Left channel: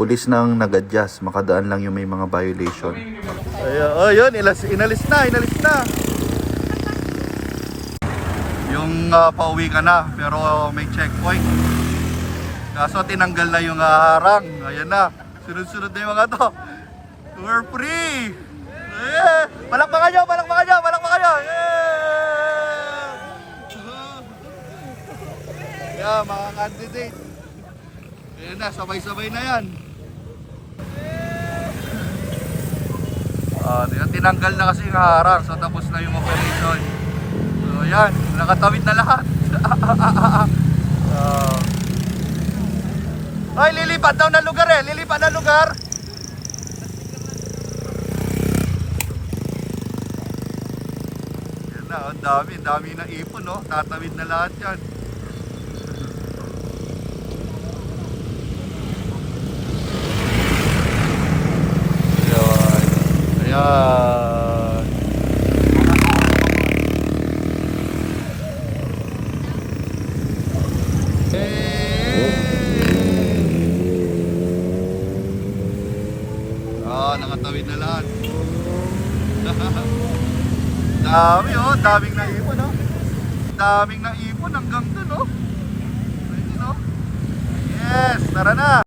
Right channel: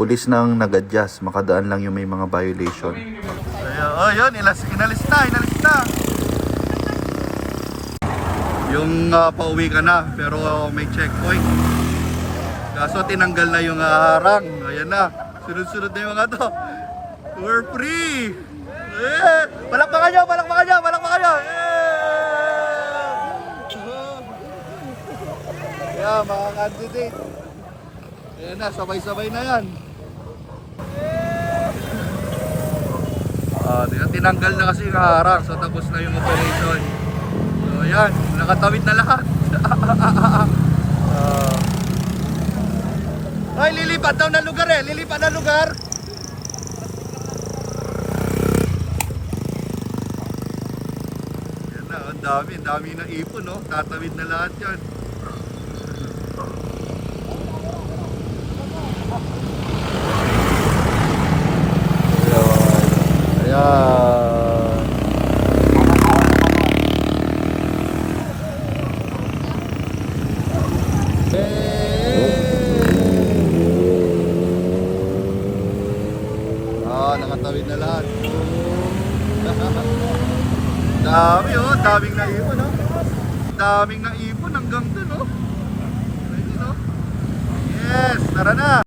pulis nang nag-adjust, makadaan lang yung may mga violation. Ayun, inalis na. Yung pauwi ka na, pero may checkpoint. Kaso tinanggal na yung harang. Ayan na, sunod-sunod na yung mga to. We're free! Yeah! Palakpakan nyo! Yeah, mga candidate. Ayan na, sabay-sabay na yan. Tinanggal na kasi yung harang, so tapos na yung operation. So ayan, nakatawid na lahat. Ay, lilipat daw ng lugar eh. Lilipat ng lugar. Yan na, ang dami na ipon, no? Tatawid na lahat yan. Daming naipon, no?